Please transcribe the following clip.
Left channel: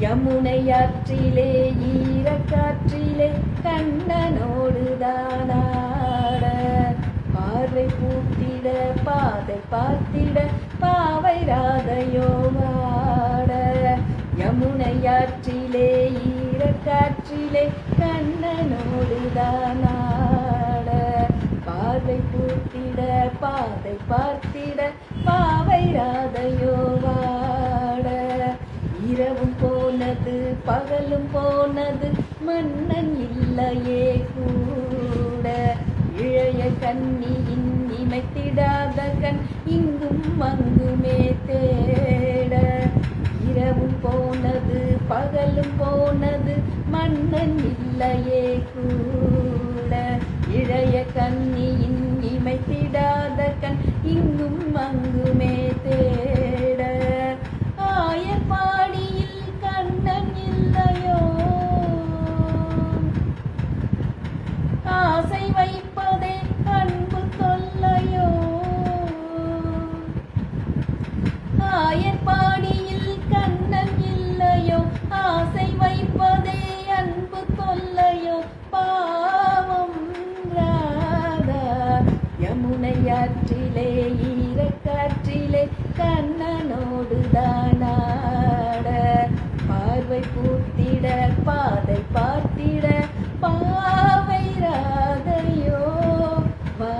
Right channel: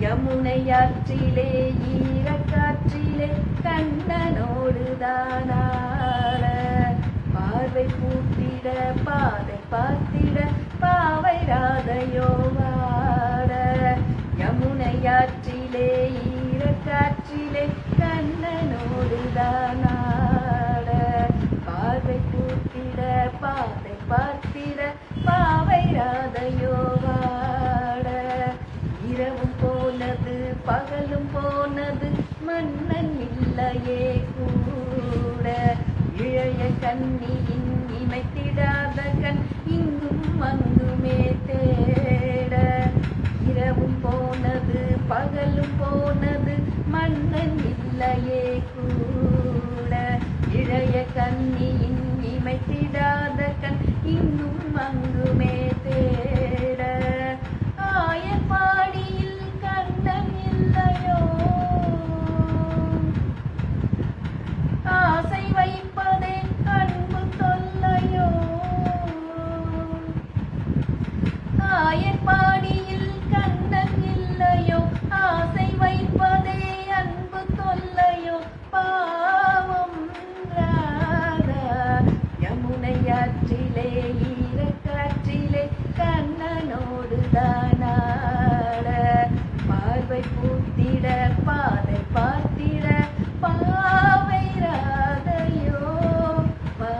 யமுனையாற்றிலே ஈரக்காற்றிலே கண்ணனோடுதானாட பார்வை பூத்திட பாதை பார்த்திட பாவை ராதையோ வாட யமுனையாற்றிலே ஈரக்காற்றிலே கண்ணனோடுதானாட பார்வை பூத்திட பாதை பார்த்திட பாவை ராதையோ வாட இரவும் போனது பகலும் போனது மன்னன் இல்லையே கூட இளைய கண்ணியின் இமைத்திடாத கண் இங்கும் அங்குமே தேட இரவும் போனது பகலும் போனது மன்னன் இல்லையே கூட இளைய கண்ணியின் இமைத்திடாத கண் இங்கும் அங்குமே தேட ஆயப்பாடியில் கண்ணன் இல்லையோ ஆசை வைப்பதே அன்பு தொல்லையோ ஆயப்பாடியில் கண்ணன் இல்லையோ ஆசை வைப்பதே அன்பு தொல்லையோ பாவம் ராதா யமுனையாற்றிலே ஈரக்காற்றிலே கண்ணனோடுதானாட பார்வை பூத்திட பாதை பார்த்திட பாவை ராதையோ வா